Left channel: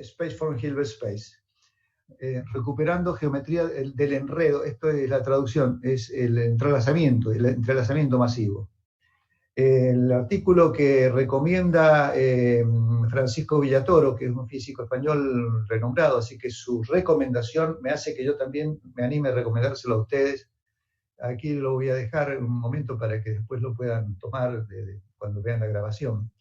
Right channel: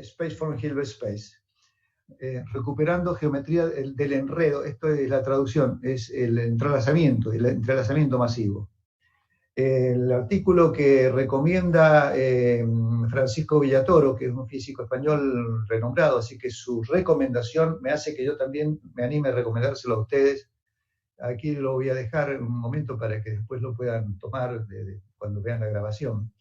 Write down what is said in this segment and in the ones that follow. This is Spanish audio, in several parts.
Space from Hilbert Space. Recuperando geometría del enredo, esto es la traducción, es el entrelazamiento masivo. El artículo que recomienda Francisco Villatoro, que es un físico español renombrado, así que su recomendación me hace que yo también me anime a recomendárselo a ustedes. Aquí lo voy a dejar un momento para que después lo puedan tomar cuando vean la grabación.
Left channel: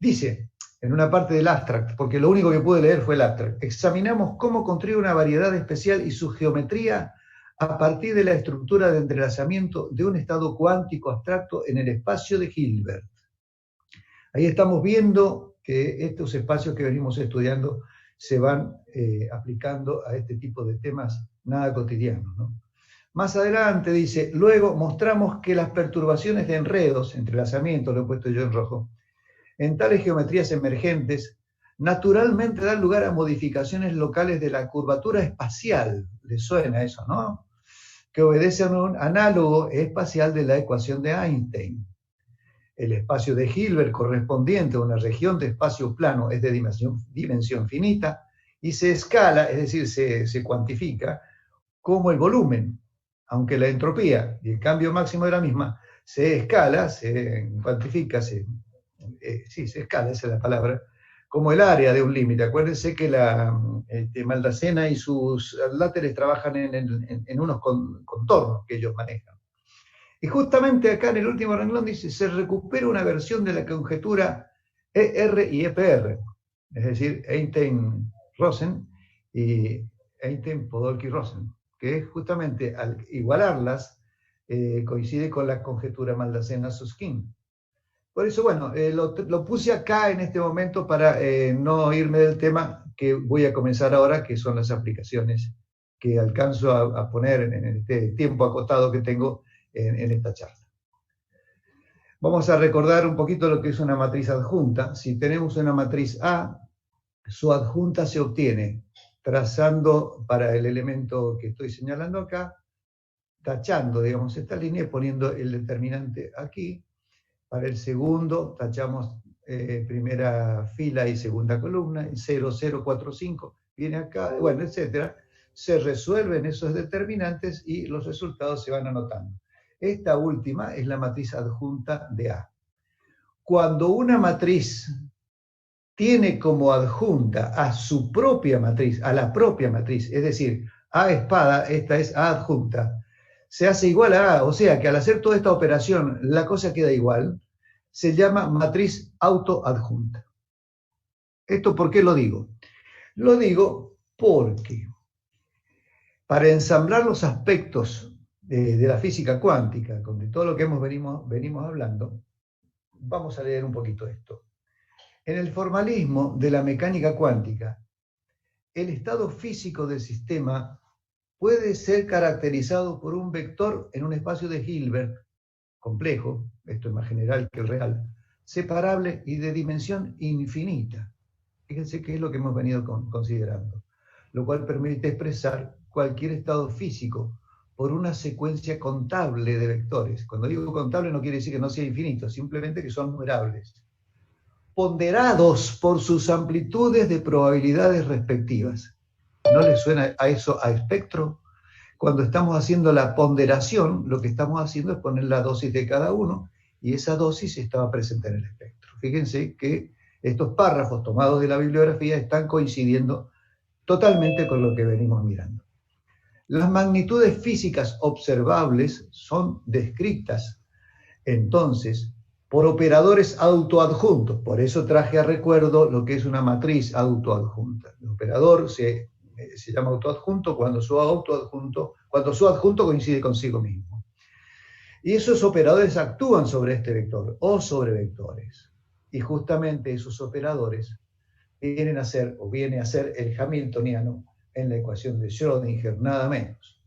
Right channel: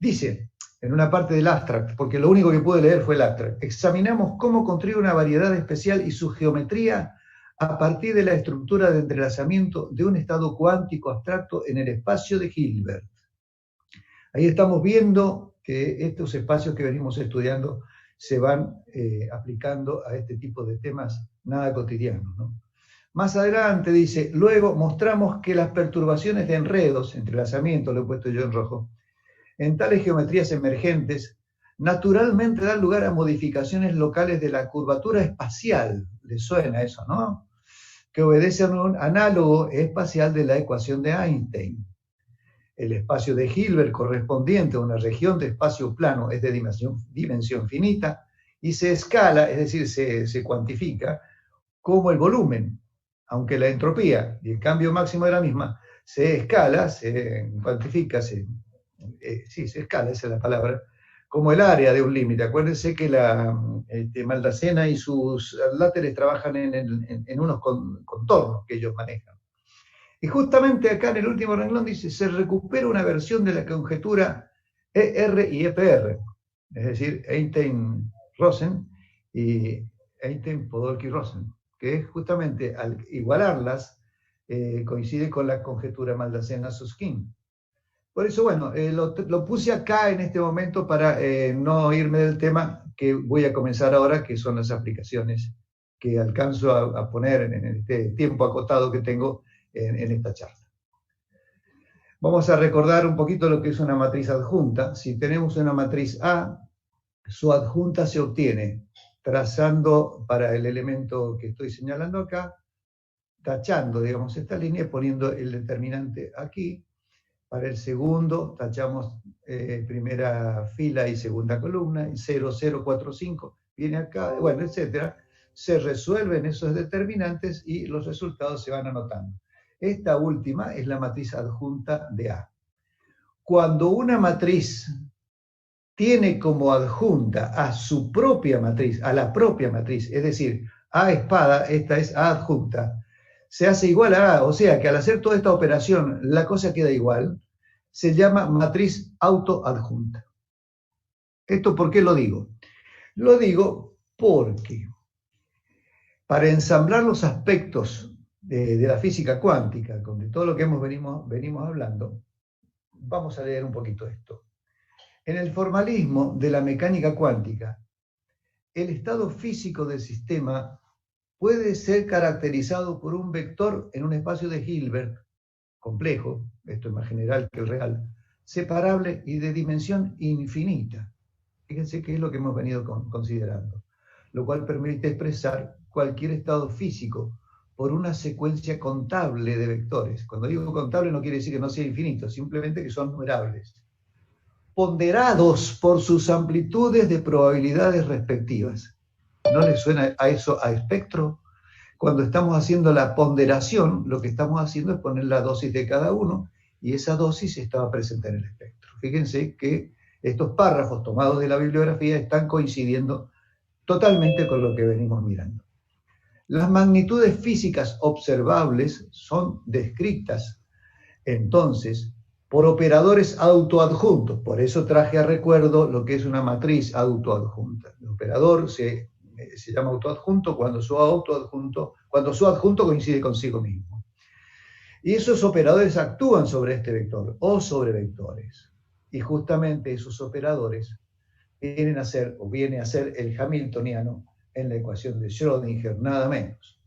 Dice, en una parte del abstract, porque lo único que pude leer fue el abstract, examinamos cómo construir una variedad especial y su geometría a partir de la estructura de entrelazamiento de un estado cuántico abstracto en el espacio de Hilbert. Ahí estamos viendo que estos espacios que venimos estudiando se van aplicando a este tipo de temas nada cotidianos, ¿no? Más adelante dice, luego mostramos que las perturbaciones de enredos, entrelazamiento, lo he puesto yo en rojo, en tales geometrías emergentes, naturalmente dan lugar a modificaciones locales de la curvatura espacial. ¿Les suena eso, no? Que obedece a un análogo espacial de la ecuación de Einstein. El espacio de Hilbert correspondiente a una región de espacio plano es de dimensión finita y se escala, es decir, se cuantifica como el volumen, aunque la entropía y el cambio máximo de la misma se escala, se cuantifica, se escala, esa es la palabra, como el área de un límite. Acuérdense que Maldacena y sus láteres trabajan en unos contornos que ellos manejan. Y justamente acá en el último renglón dice, se recupera una versión de la conjetura ER y EPR, es decir, Einstein-Rosen y Einstein-Podolsky-Rosen, que es justamente al igualarlas, coincide con la conjetura Maldacena-Susskind. Por eso, bueno, lo puse acá en este momento para no irme del tema que voy a comenzar ahora, que son las aplicaciones que alcanzo a poner en este tiempo acotado que tengo en esta charla. Vamos a recordar un poquito lo que es una matriz adjunta. Si tenemos una matriz A, su adjunta se obtiene trazando para el elemento que estoy señalando acá, tachando, digamos, esta línea y poniendo el determinante aquí. Para el segundo, tachamos primera fila y segunda columna, 0, 0, 4, 5, viene acá, bueno, etcétera. Se resuelven esos determinantes y los resultados se van anotando. Esta última es la matriz adjunta de A. Cuando una matriz tiene como adjunta a su propia matriz, a la propia matriz, es decir, A espada, esta es A adjunta, se hace igual a A, o sea que al hacer toda esta operación la cosa queda igual, se llama matriz autoadjunta. ¿Esto por qué lo digo? Lo digo porque para ensamblar los aspectos de la física cuántica, de todo lo que venimos hablando, vamos a leer un poquito esto. En el formalismo de la mecánica cuántica, el estado físico del sistema puede ser caracterizado por un vector en un espacio de Hilbert complejo, esto es más general que el real, separable y de dimensión infinita. Fíjense qué es lo que hemos venido considerando, lo cual permite expresar cualquier estado físico por una secuencia contable de vectores. Cuando digo contable no quiere decir que no sea infinito, simplemente que son numerables, ponderados por sus amplitudes de probabilidades respectivas. ¿No les suena a eso a espectro? Cuando estamos haciendo la ponderación, lo que estamos haciendo es poner la dosis de cada uno, y esa dosis estaba presente en el espectro. Fíjense que estos párrafos tomados de la bibliografía están coincidiendo totalmente con lo que venimos mirando. Las magnitudes físicas observables son descritas, entonces, por operadores autoadjuntos. Por eso traje a recuerdo lo que es una matriz autoadjunta. El operador se llama autoadjunto cuando su adjunto coincide consigo mismo. Y esos operadores actúan sobre este vector o sobre vectores. Y justamente esos operadores viene a ser el hamiltoniano en la ecuación de Schrödinger, nada menos.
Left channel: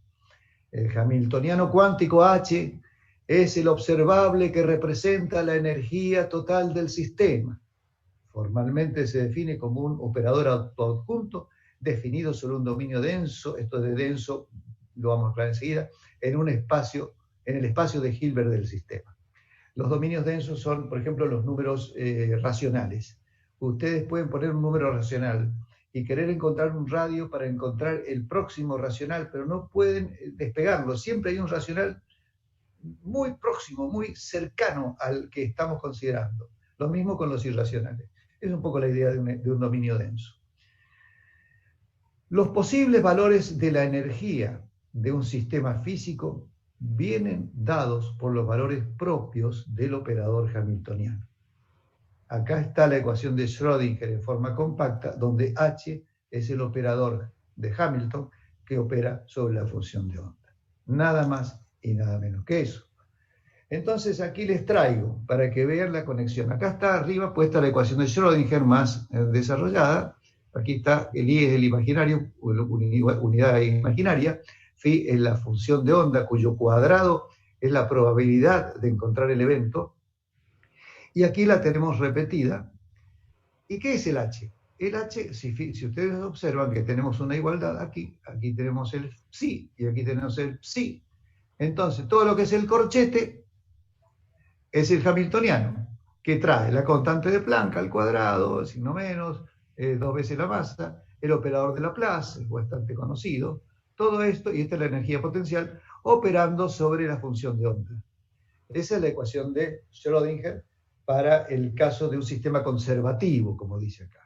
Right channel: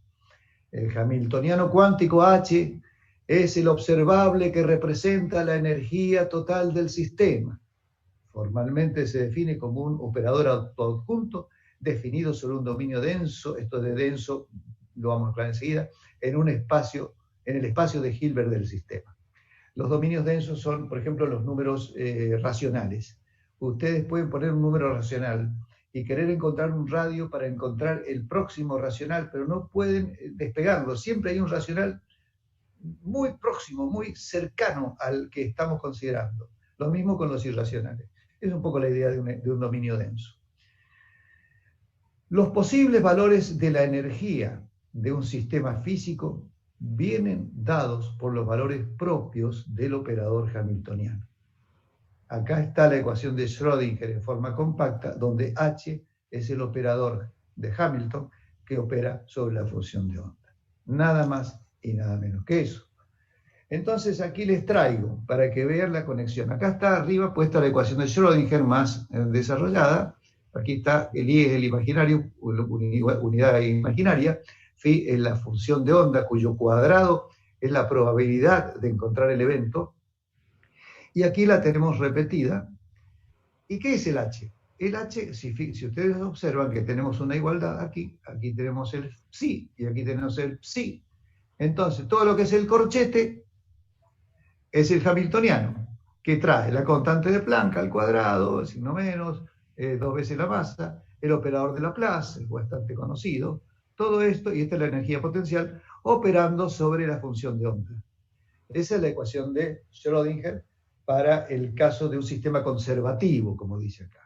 El hamiltoniano cuántico H es el observable que representa la energía total del sistema. Formalmente se define como un operador autoadjunto definido sobre un dominio denso, esto de denso lo vamos a aclarar enseguida, en el espacio de Hilbert del sistema. Los dominios densos son, por ejemplo, los números racionales. Ustedes pueden poner un número racional y querer encontrar un radio para encontrar el próximo racional, pero no pueden despegarlo. Siempre hay un racional muy próximo, muy cercano al que estamos considerando. Lo mismo con los irracionales. Es un poco la idea de un dominio denso. Los posibles valores de la energía de un sistema físico vienen dados por los valores propios del operador hamiltoniano. Acá está la ecuación de Schrödinger en forma compacta, donde H es el operador de Hamilton que opera sobre la función de onda. Nada más y nada menos que eso. Entonces aquí les traigo para que vean la conexión. Acá está arriba puesta la ecuación de Schrödinger más desarrollada. Aquí está el I es el imaginario, unidad imaginaria. Phi es la función de onda cuyo cuadrado es la probabilidad de encontrar el evento. Y aquí la tenemos repetida. ¿Y qué es el H? El H, si ustedes observan que tenemos una igualdad aquí tenemos el psi y aquí tenemos el psi. Entonces, todo lo que es el corchete es el hamiltoniano, que trae la constante de Planck al cuadrado, signo menos, 2 veces la masa, el operador de Laplace, es bastante conocido, todo esto, y esta es la energía potencial, operando sobre la función de onda. Esa es la ecuación de Schrödinger para el caso de un sistema conservativo, como dice acá.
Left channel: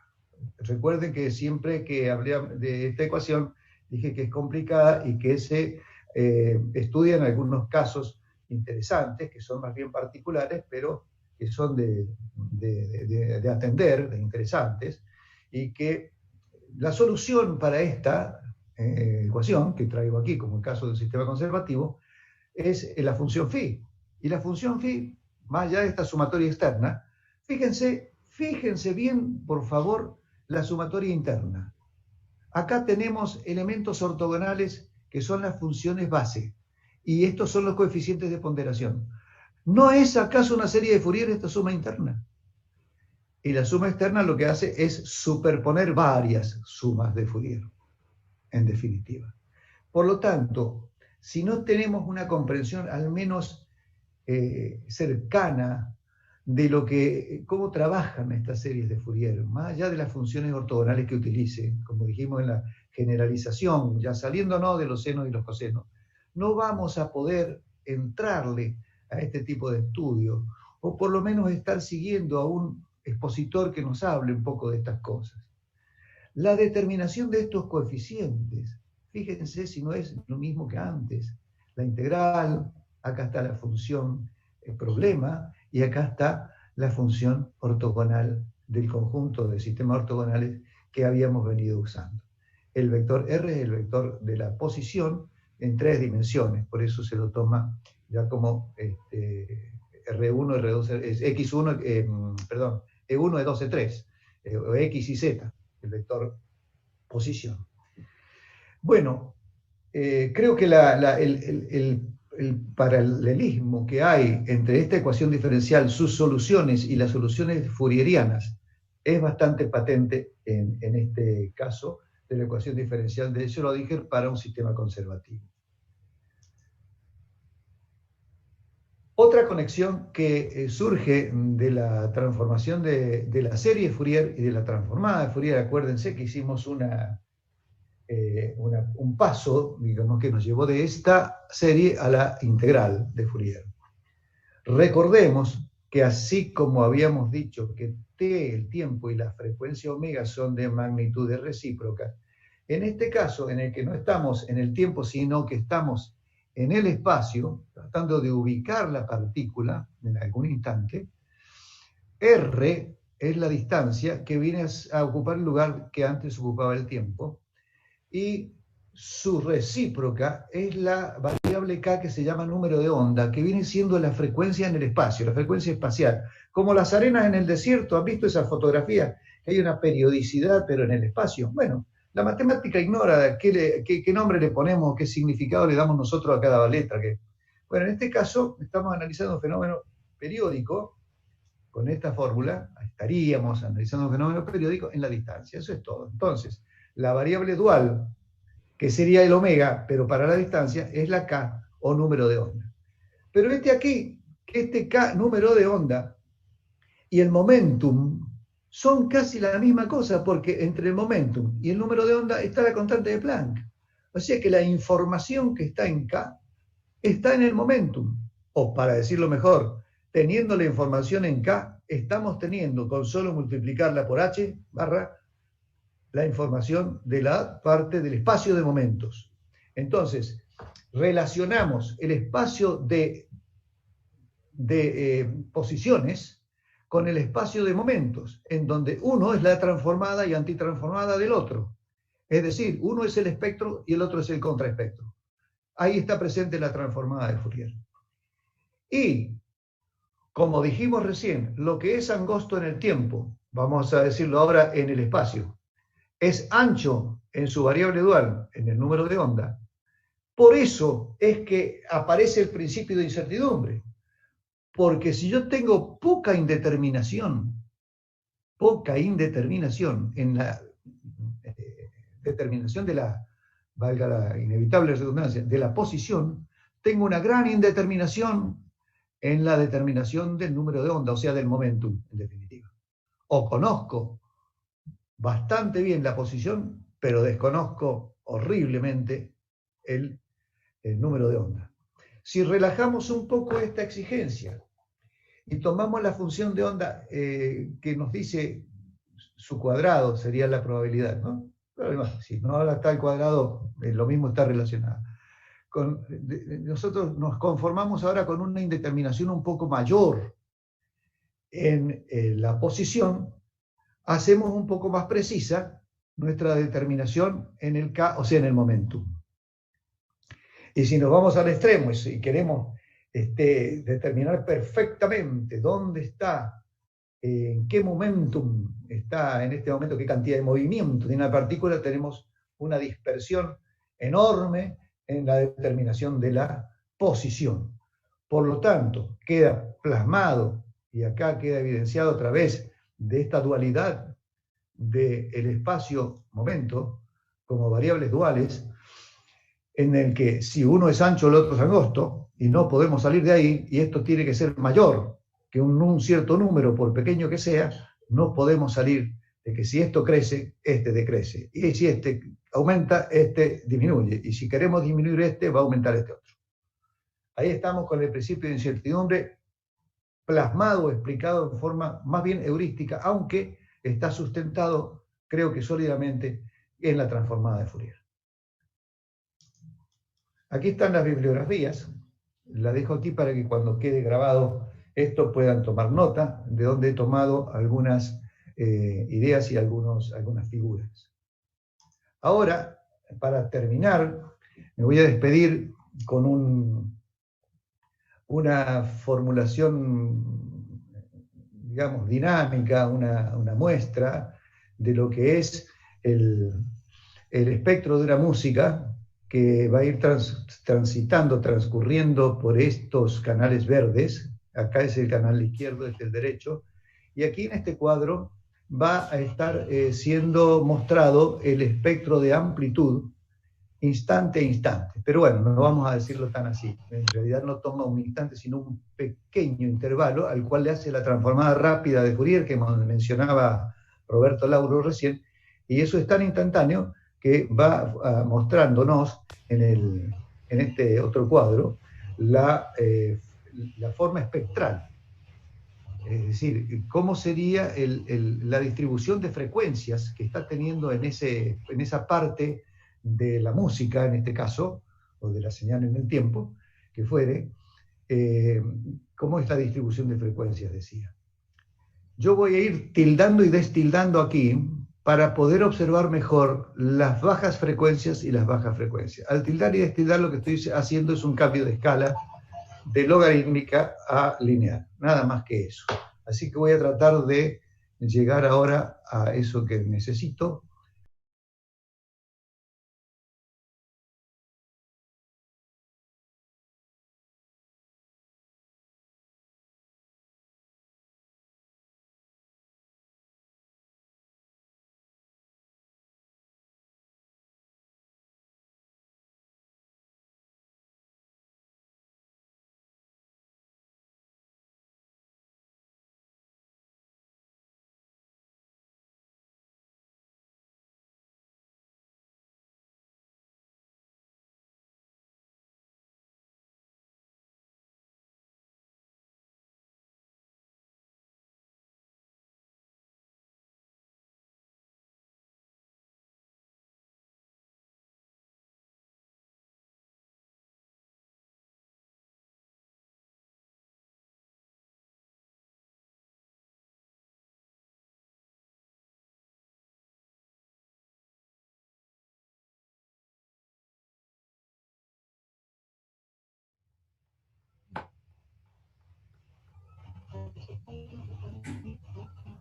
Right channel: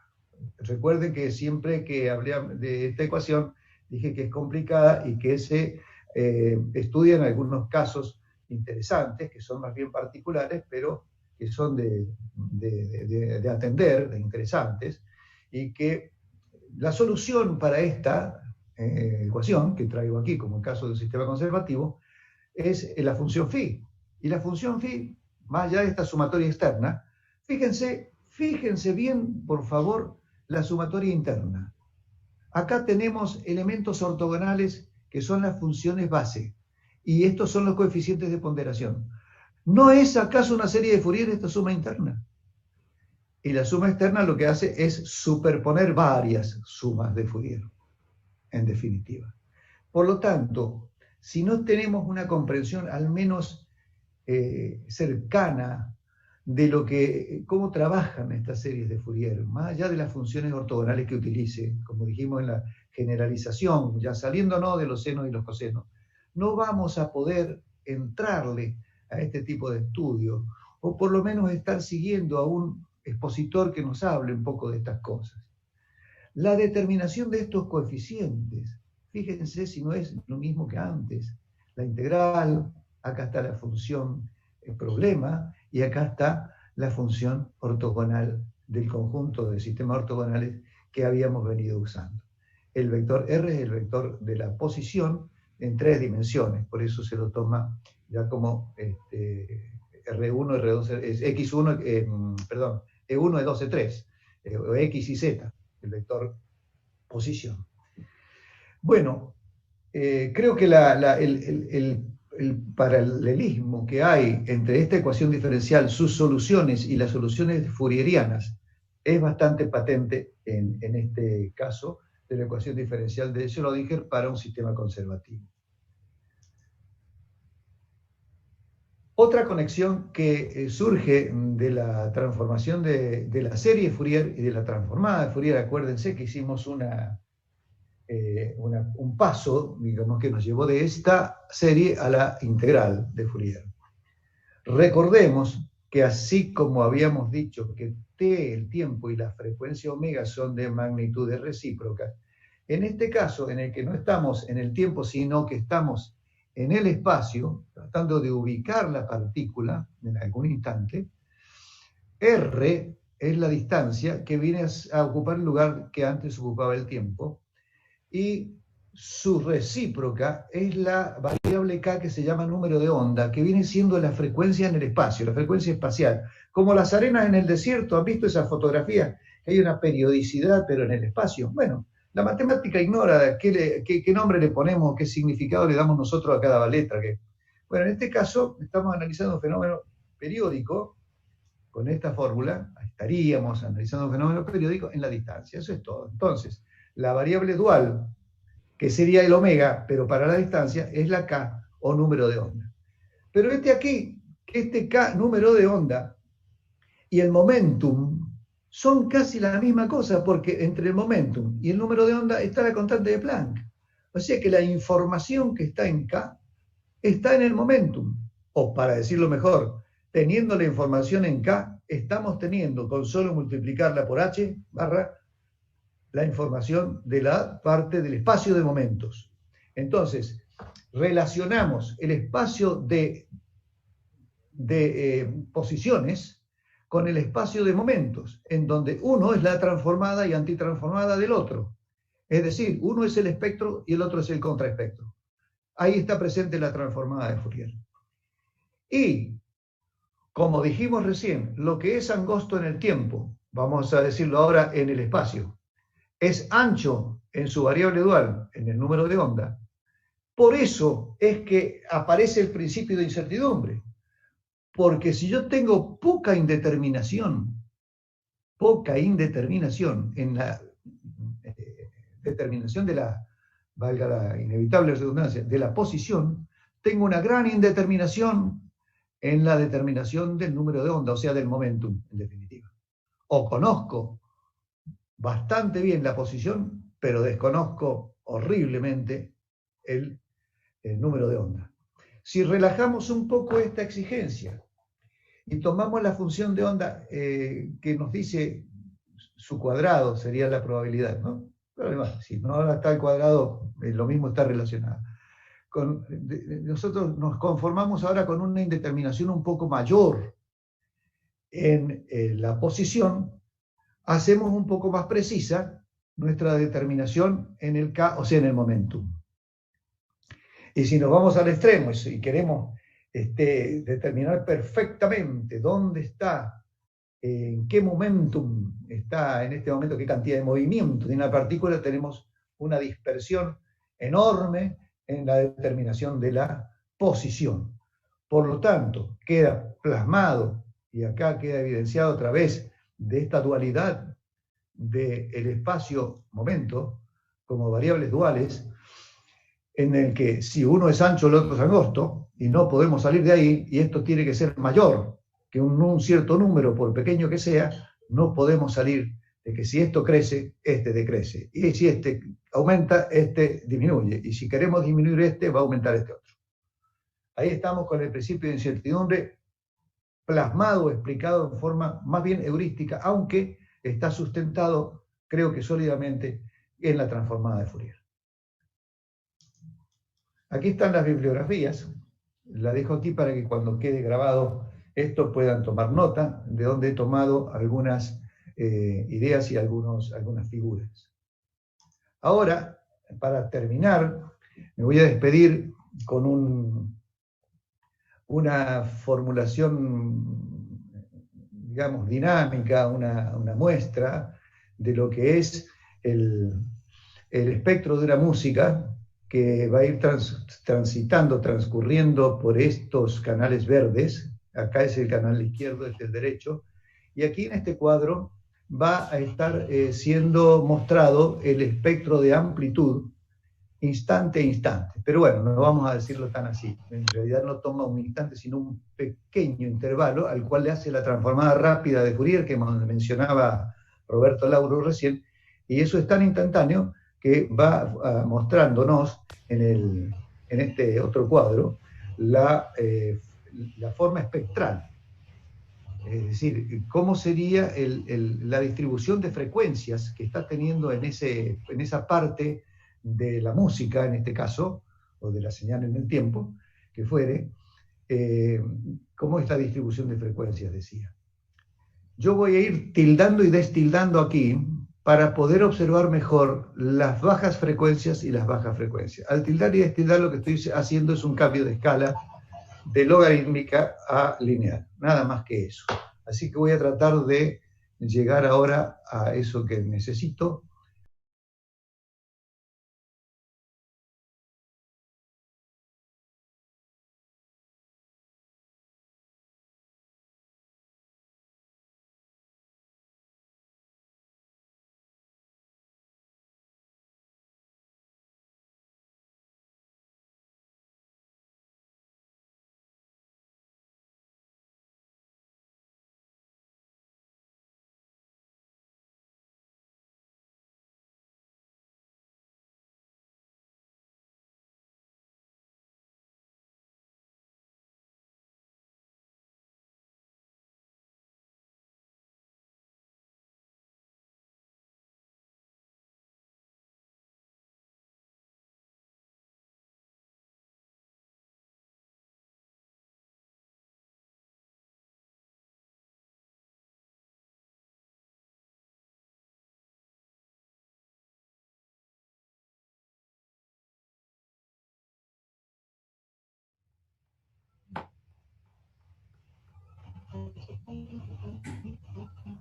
Recuerden que siempre que hablé de esta ecuación, dije que es complicada y que se estudia en algunos casos interesantes, que son más bien particulares, pero que son de atender, de interesantes, y que la solución para esta ecuación, que traigo aquí como el caso del sistema conservativo, es la función phi. Y la función phi, más allá de esta sumatoria externa, fíjense bien, por favor, la sumatoria interna. Acá tenemos elementos ortogonales que son las funciones base, y estos son los coeficientes de ponderación. ¿No es acaso una serie de Fourier esta suma interna? Y la suma externa lo que hace es superponer varias sumas de Fourier, en definitiva. Por lo tanto, si no tenemos una comprensión al menos cercana de cómo trabajan estas series de Fourier, más allá de las funciones ortogonales que utilice, como dijimos en la generalización, ya saliéndonos de los senos y los cosenos, no vamos a poder entrarle a este tipo de estudio, o por lo menos estar siguiendo a un expositor que nos hable un poco de estas cosas. La determinación de estos coeficientes, fíjense si no es lo mismo que antes. La integral, acá está la función problema, y acá está la función ortogonal del conjunto de sistemas ortogonales que habíamos venido usando. El vector R es el vector de la posición en 3 dimensiones, por eso se lo toma ya como R1, R2, es X1, E1, E2, E3, o X y Z, el vector posición. Bueno, creo que el paralelismo que hay entre esta ecuación diferencial, sus soluciones y las soluciones fourierianas es bastante patente en este caso de la ecuación diferencial de Schrödinger para un sistema conservativo. Otra conexión que surge de la transformación de la serie Fourier y de la transformada de Fourier, acuérdense que hicimos un paso, digamos, que nos llevó de esta serie a la integral de Fourier. Recordemos que así como habíamos dicho que t, el tiempo, y la frecuencia omega son de magnitudes recíprocas, en este caso en el que no estamos en el tiempo, sino que estamos en el espacio, tratando de ubicar la partícula en algún instante, r es la distancia que viene a ocupar el lugar que antes ocupaba el tiempo, y su recíproca es la variable k que se llama número de onda, que viene siendo la frecuencia en el espacio, la frecuencia espacial. Como las arenas en el desierto, ¿han visto esa fotografía? Hay una periodicidad, pero en el espacio. Bueno, la matemática ignora qué nombre le ponemos, qué significado le damos nosotros a cada letra. Bueno, en este caso estamos analizando un fenómeno periódico. Con esta fórmula estaríamos analizando un fenómeno periódico en la distancia. Eso es todo. Entonces, la variable dual, que sería el omega, pero para la distancia, es la k, o número de onda. Pero este k, número de onda, y el momentum son casi la misma cosa, porque entre el momentum y el número de onda está la constante de Planck. O sea que la información que está en K está en el momentum. O para decirlo mejor, teniendo la información en K, estamos teniendo con solo multiplicarla por H barra la información de la parte del espacio de momentos. Entonces, relacionamos el espacio de posiciones con el espacio de momentos, en donde uno es la transformada y antitransformada del otro. Es decir, uno es el espectro y el otro es el contraespectro. Ahí está presente la transformada de Fourier. Y, como dijimos recién, lo que es angosto en el tiempo, vamos a decirlo ahora en el espacio, es ancho en su variable dual, en el número de onda. Por eso es que aparece el principio de incertidumbre. Porque si yo tengo poca indeterminación en la determinación de la, valga la inevitable redundancia, de la posición, tengo una gran indeterminación en la determinación del número de onda, o sea, del momentum, en definitiva. O conozco bastante bien la posición, pero desconozco horriblemente el número de onda. Si relajamos un poco esta exigencia y tomamos la función de onda que nos dice su cuadrado, sería la probabilidad, ¿no? Pero además, si no ahora está el cuadrado, lo mismo está relacionado. Nosotros nos conformamos ahora con una indeterminación un poco mayor en la posición, hacemos un poco más precisa nuestra determinación en el K, o sea, en el momentum. Y si nos vamos al extremo y queremos determinar perfectamente dónde está, en qué momentum está en este momento, qué cantidad de movimiento tiene una partícula, tenemos una dispersión enorme en la determinación de la posición. Por lo tanto, queda plasmado, y acá queda evidenciado a través de esta dualidad del espacio-momento como variables duales, en el que si uno es ancho, el otro es angosto, y no podemos salir de ahí, y esto tiene que ser mayor que un cierto número, por pequeño que sea, no podemos salir de que si esto crece, este decrece. Y si este aumenta, este disminuye. Y si queremos disminuir este, va a aumentar este otro. Ahí estamos con el principio de incertidumbre plasmado, explicado en forma más bien heurística, aunque está sustentado, creo que sólidamente, en la transformada de Fourier. Aquí están las bibliografías, la dejo aquí para que cuando quede grabado esto puedan tomar nota de dónde he tomado algunas ideas y algunas figuras. Ahora, para terminar, me voy a despedir con una formulación, digamos, dinámica, una muestra de lo que es el espectro de una música que va a ir transcurriendo por estos canales verdes. Acá es el canal izquierdo, este es el derecho. Y aquí en este cuadro va a estar siendo mostrado el espectro de amplitud instante a instante. Pero bueno, no vamos a decirlo tan así. En realidad no toma un instante, sino un pequeño intervalo al cual le hace la transformada rápida de Fourier que mencionaba Roberto Lauro recién. Y eso es tan instantáneo que va mostrándonos en este otro cuadro la forma espectral. Es decir, cómo sería la distribución de frecuencias que está teniendo en esa parte de la música, en este caso, o de la señal en el tiempo, que fuere, cómo esta distribución de frecuencias decía. Yo voy a ir tildando y destildando aquí para poder observar mejor las bajas frecuencias y las bajas frecuencias. Al tildar y destildar lo que estoy haciendo es un cambio de escala de logarítmica a lineal, nada más que eso. Así que voy a tratar de llegar ahora a eso que necesito.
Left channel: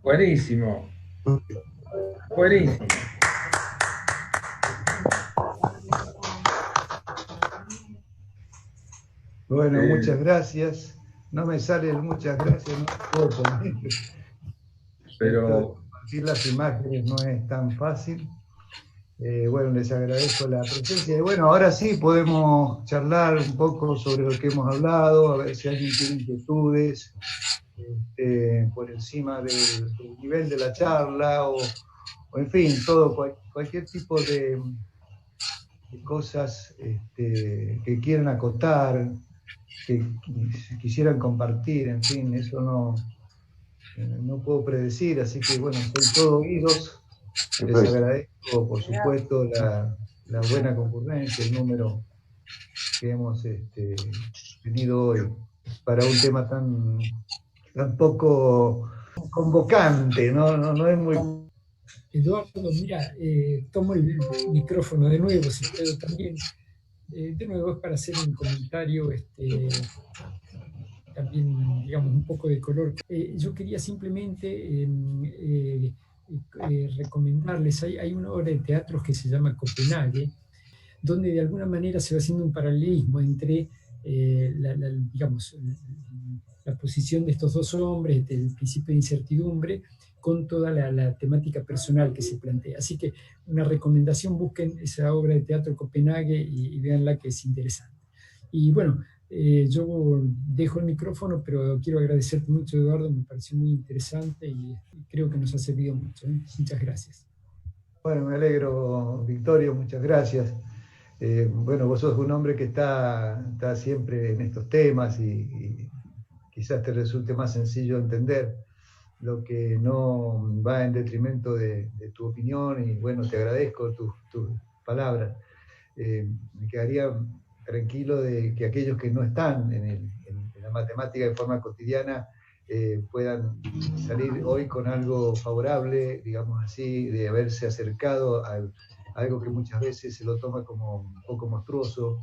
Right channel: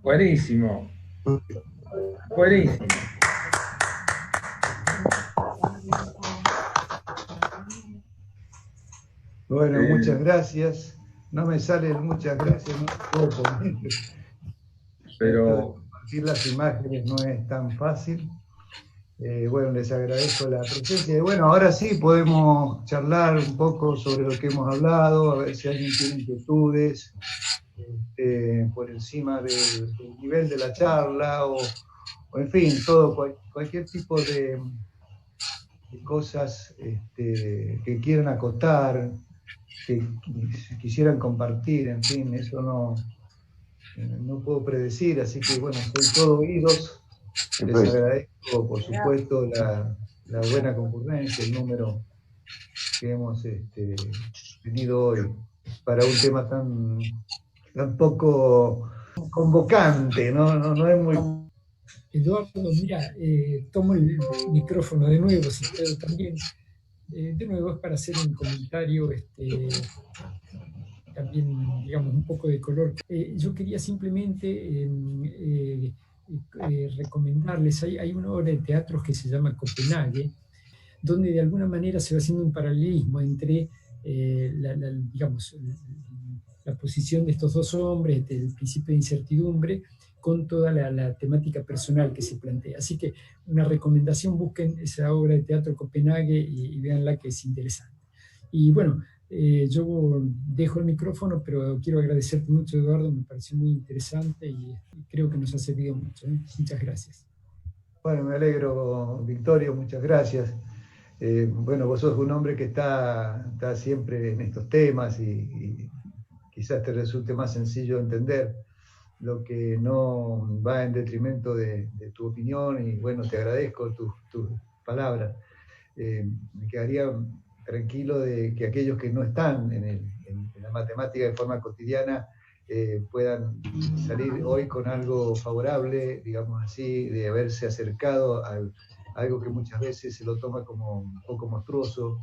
Buenísimo. Buenísimo. Bueno, muchas gracias. No me salen muchas gracias, no puedo poner. Pero compartir las imágenes no es tan fácil. Bueno, les agradezco la presencia. Y bueno, ahora sí podemos charlar un poco sobre lo que hemos hablado, a ver si alguien tiene inquietudes por encima del nivel de la charla o en fin, todo, cualquier tipo de cosas que quieran acotar, que quisieran compartir, en fin, eso no puedo predecir, así que bueno, soy todo oídos. Les agradezco, por supuesto, la buena concurrencia, el número que hemos tenido hoy para un tema tan poco convocante, no es muy... Eduardo, mira, tomo el micrófono de nuevo, si puedo también. De nuevo es para hacer un comentario también, digamos, un poco de color. Yo quería simplemente recomendarles, hay una obra de teatro que se llama Copenhague, donde de alguna manera se va haciendo un paralelismo entre, digamos, la posición de estos dos hombres, el principio de incertidumbre, con toda la temática personal que se plantea. Así que una recomendación, busquen esa obra de teatro Copenhague y véanla, que es interesante. Y bueno, yo dejo el micrófono, pero quiero agradecerte mucho, Eduardo, me pareció muy interesante y creo que nos ha servido mucho. Muchas gracias. Bueno, me alegro, Victorio, muchas gracias. Bueno, vos sos un hombre que está siempre en estos temas y quizás te resulte más sencillo entender lo que no va en detrimento de tu opinión, y bueno, te agradezco tus palabras. Me quedaría tranquilo de que aquellos que no están en la matemática de forma cotidiana puedan salir hoy con algo favorable, digamos así, de haberse acercado a algo que muchas veces se lo toma como un poco monstruoso,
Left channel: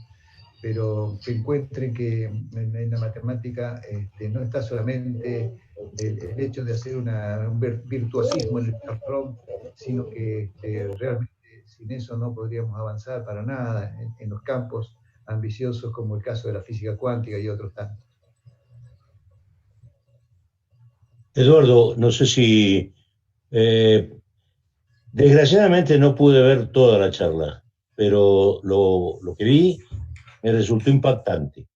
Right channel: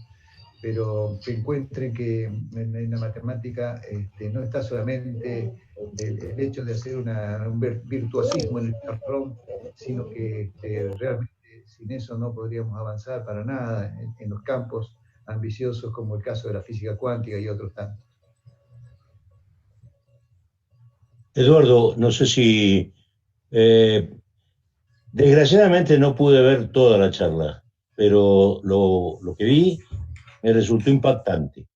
pero que encuentren que en la matemática no está solamente el hecho de hacer un virtuosismo en el charrón, sino que realmente sin eso no podríamos avanzar para nada en los campos ambiciosos como el caso de la física cuántica y otros tantos. Eduardo, no sé si... desgraciadamente no pude ver toda la charla, pero lo que vi me resultó impactante,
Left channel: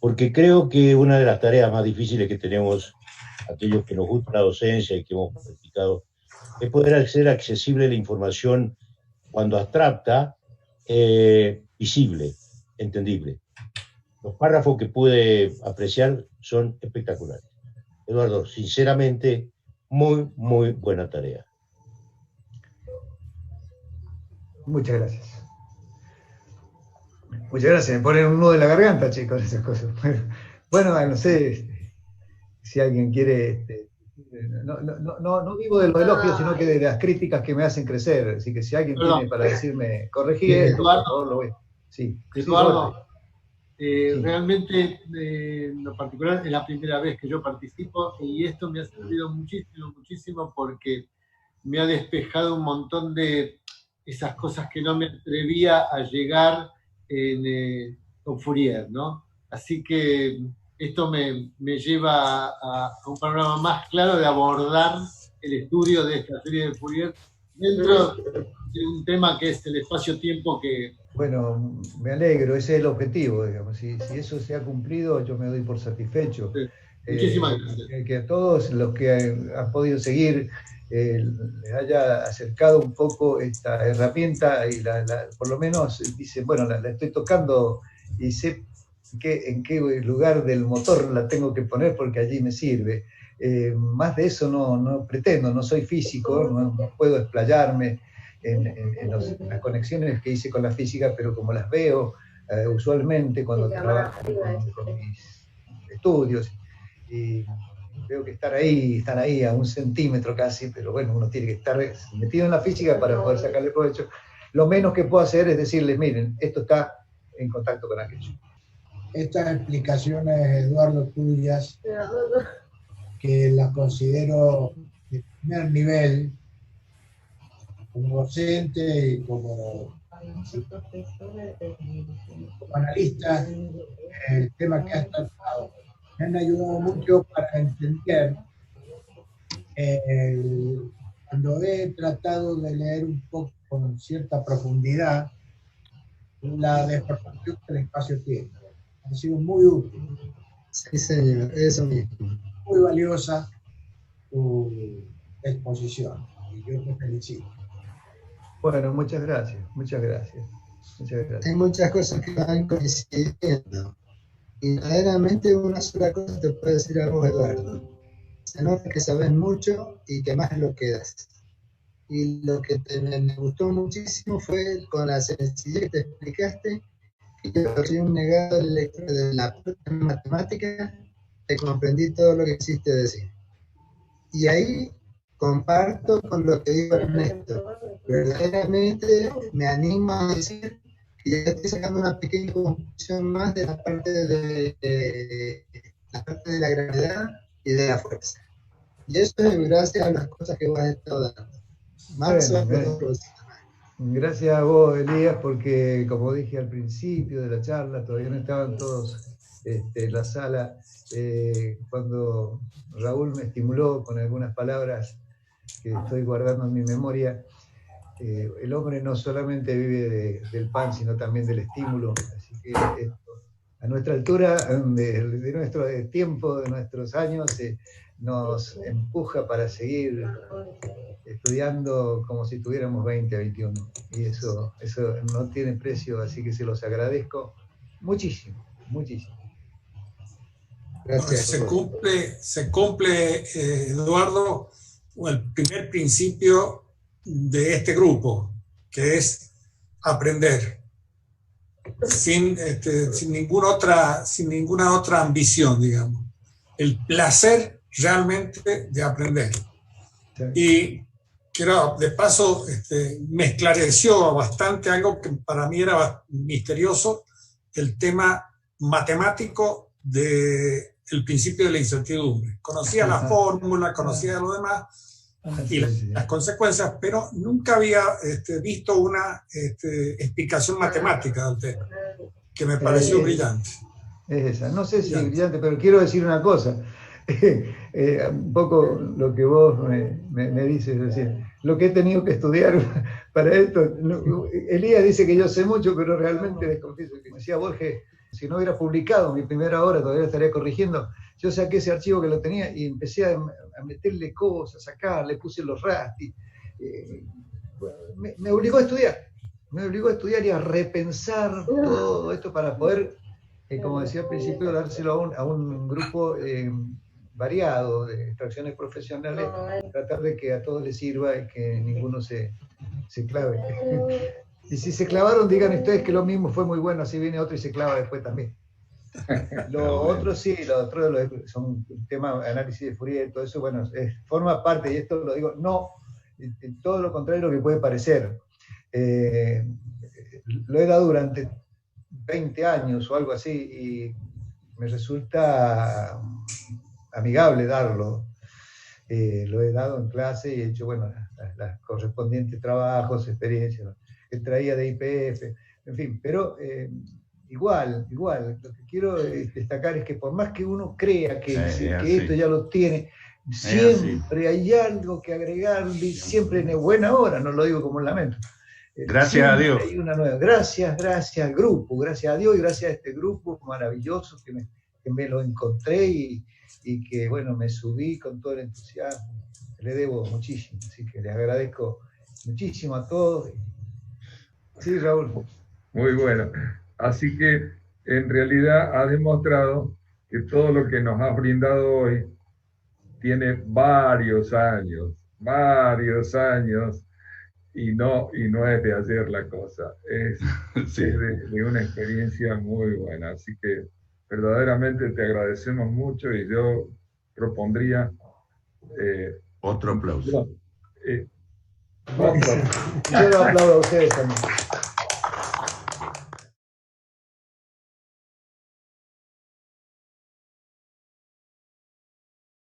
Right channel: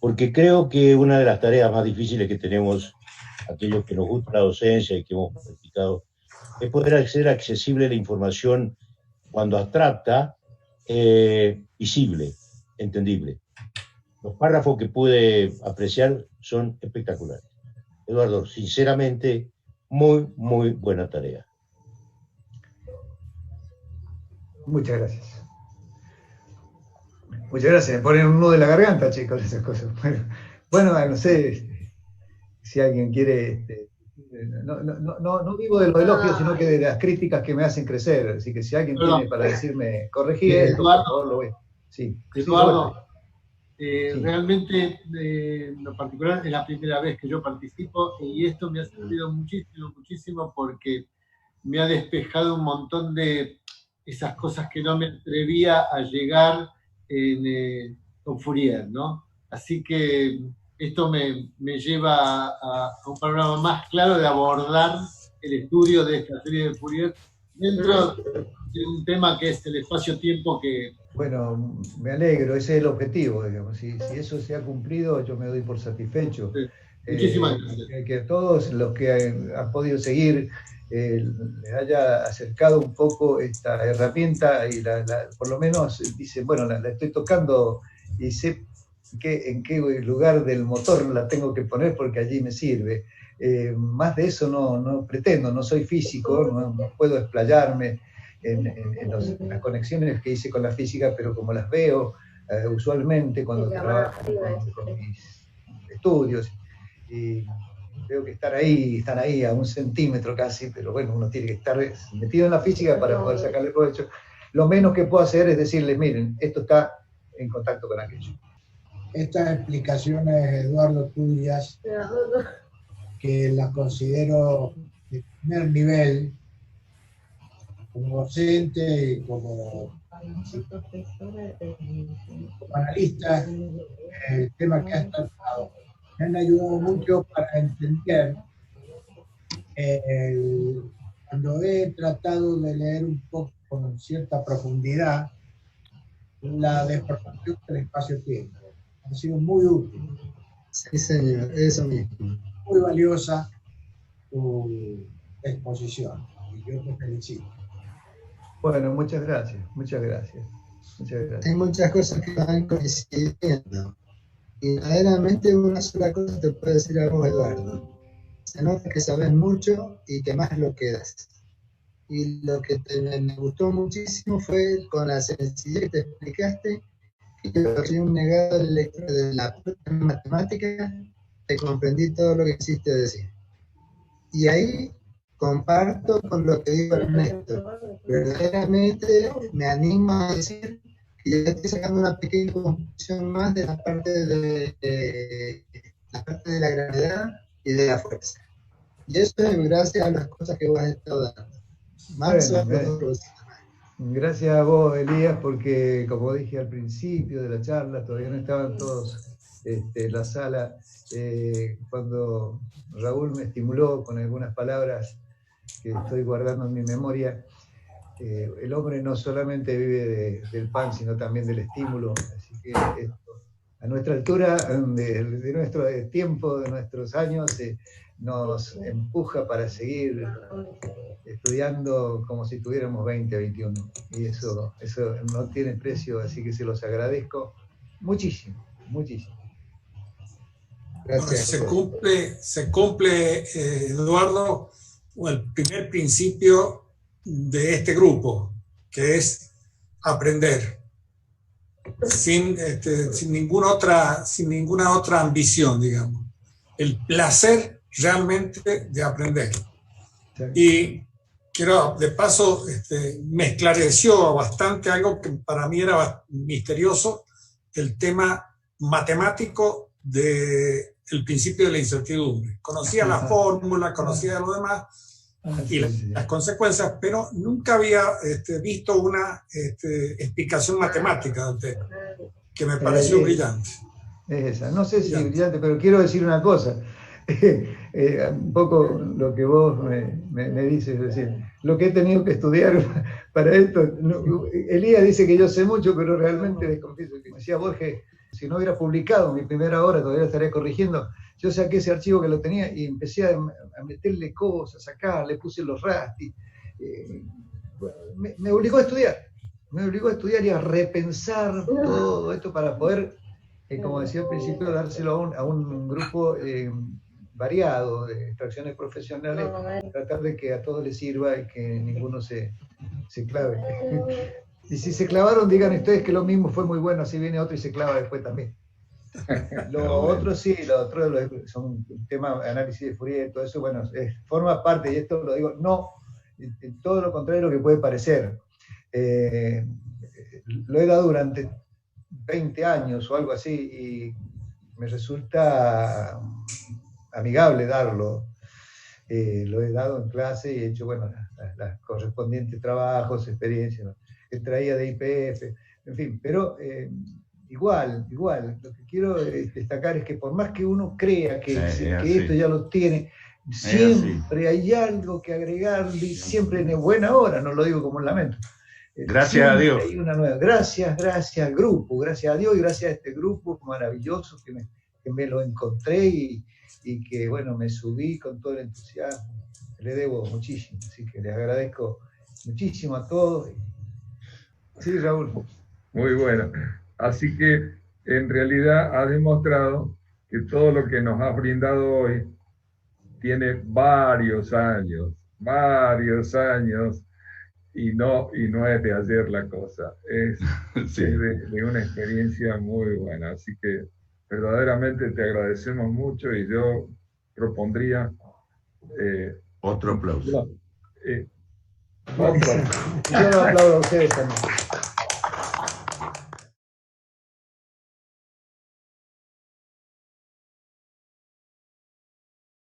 porque creo que una de las tareas más difíciles que tenemos aquellos que nos gusta la docencia y que hemos practicado es poder hacer accesible la información cuando abstracta, visible, entendible. Los párrafos que pude apreciar son espectaculares. Eduardo, sinceramente, muy, muy buena tarea. Muchas gracias. Muchas gracias. Me ponen un nudo en la garganta, chicos, esas cosas. Bueno, no sé si alguien quiere... No vivo de los elogios, sino que de las críticas que me hacen crecer. Así que si alguien tiene para decirme, corregí esto, por favor, lo voy. Sí. Eduardo, sí. Realmente, en lo particular, es la primera vez que yo participo y esto me ha servido muchísimo porque me ha despejado un montón de esas cosas que no me atrevía a llegar con Fourier, ¿no? Así que esto me lleva a un panorama más claro de abordar el estudio de esta serie de Fourier dentro de un tema que es el espacio-tiempo que... Bueno, me alegro, ese es el objetivo, digamos. Si eso se ha cumplido, yo me doy por satisfecho. Sí. Muchísimas gracias. Que a todos los que han podido seguir les haya acercado un poco esta herramienta y por lo menos dicen, bueno, la estoy tocando y sé en qué lugar del motor la tengo que poner porque allí me sirve. Más de eso no pretendo, no soy físico, no puedo explayarme en las conexiones que hice con la física, pero como las veo usualmente cuando trabajo con mis estudios, y veo que están ahí a 1 centímetro casi, pero bueno, uno tiene que estar metido en la física para poder sacarle provecho. Lo menos que puedo hacer es decirles, miren, esto está en contacto con aquello. Estas explicaciones, Eduardo, tuyas, que las considero de primer nivel, como docente y como analista, el tema que has tratado me han ayudado mucho para entender. Cuando he tratado de leer un poco con cierta profundidad la desproporción del espacio-tiempo, ha sido muy útil. Sí, señor, eso mismo. Muy valiosa tu exposición y yo te felicito. Bueno, muchas gracias, muchas gracias. Muchas gracias. Hay muchas cosas que van coincidiendo. Y verdaderamente una sola cosa te puedo decir a vos, Eduardo. Se nota que sabes mucho y que más lo quedas. Y lo que me gustó muchísimo fue con la sencillez que te explicaste, que yo soy un negado de la matemática, te comprendí todo lo que quisiste decir. Y ahí comparto con lo que dijo Ernesto. Verdaderamente me animo a decir que ya estoy sacando una pequeña conclusión más de la parte de la gravedad y de la fuerza. Y eso es gracias a las cosas que vos has estado dando. Gracias a vos, Elías, porque como dije al principio de la charla, todavía no estaban todos en la sala, cuando Raúl me estimuló con algunas palabras que estoy guardando en mi memoria. El hombre no solamente vive del pan, sino también del estímulo. Así que a nuestra altura, de nuestro tiempo, de nuestros años, nos empuja para seguir estudiando como si tuviéramos 20, 21. Y eso no tiene precio, así que se los agradezco muchísimo, muchísimo. Gracias. Se cumple, Eduardo, el primer principio de este grupo, que es aprender, sin ninguna otra ambición, digamos. El placer realmente de aprender. Sí. Y quiero, de paso, me esclareció bastante algo que para mí era misterioso, el tema matemático del principio de la incertidumbre. Conocía la fórmula, conocía lo demás y las consecuencias, pero nunca había visto una explicación matemática del tema, que me pareció brillante. Es esa. No sé si es brillante, pero quiero decir una cosa. Un poco lo que vos me dices recién. Lo que he tenido que estudiar para esto. Elías dice que yo sé mucho, pero realmente les confieso que decía Borges, si no hubiera publicado mi primera obra, todavía estaría corrigiendo. Yo saqué ese archivo que lo tenía y empecé a meterle cosas, a sacar, le puse los rastis. Me obligó a estudiar. Me obligó a estudiar y a repensar todo esto para poder, como decía al principio, dárselo a un grupo variado de extracciones profesionales, tratar de que a todos les sirva y que ninguno se clave. Y si se clavaron, digan ustedes que lo mismo fue muy bueno, así viene otro y se clava después también. Lo otro sí, lo otro son temas de análisis de Fourier, todo eso, bueno, forma parte, y esto lo digo, no, todo lo contrario de lo que puede parecer. Lo he dado durante 20 años o algo así, y me resulta amigable darlo. Lo he dado en clase y he hecho, bueno, las correspondientes trabajos, experiencias, ¿no? Que traía de IPF, en fin, pero igual, lo que quiero destacar es que por más que uno crea que esto ya lo tiene, siempre hay algo que agregarle, siempre en buena hora, no lo digo como un lamento. Gracias a Dios. Hay una nueva. Gracias al grupo, gracias a Dios y gracias a este grupo maravilloso que me lo encontré y que, bueno, me subí con todo el entusiasmo. Le debo muchísimo, así que les agradezco muchísimo a todos. Sí, Raúl. Muy bueno. Así que, en realidad, ha demostrado que todo lo que nos has brindado hoy tiene varios años, y no es de ayer la cosa. Es de una experiencia muy buena. Así que, verdaderamente te agradecemos mucho y yo propondría... otro aplauso. Yo lo aplaudo a ustedes también.